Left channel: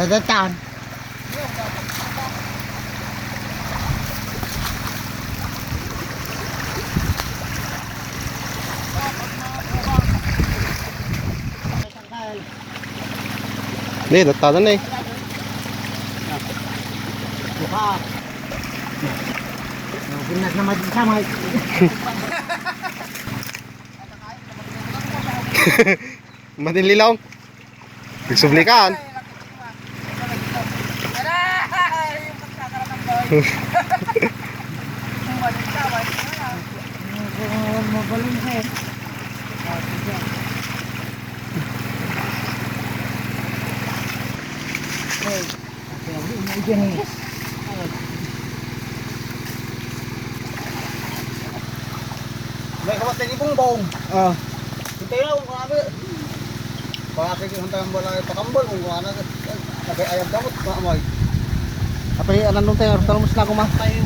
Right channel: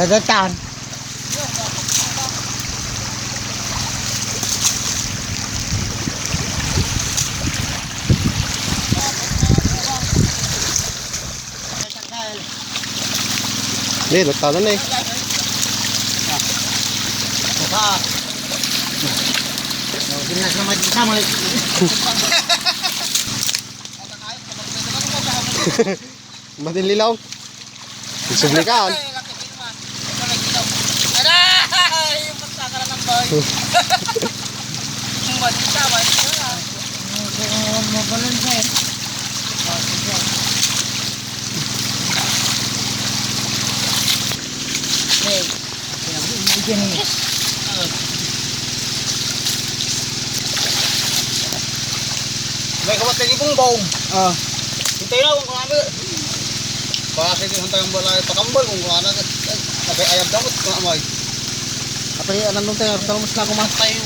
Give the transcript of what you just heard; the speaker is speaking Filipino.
Dadatan. Hindi, natalan na eh. Buka. Binas naman din sama. Matinlilaw. Nagsublikaan. Yung pagkakaroon ng bahay. Malita, malita. Mabalansin. Hey. May kapat lagi pong baong. Oh. Hintay na kung ano. Bakit yung hantay ang balay pakambal kung ano. Nagay ayab damot. Kamay. Apa ni anong tayo? Kalau mas na kumas. Tayo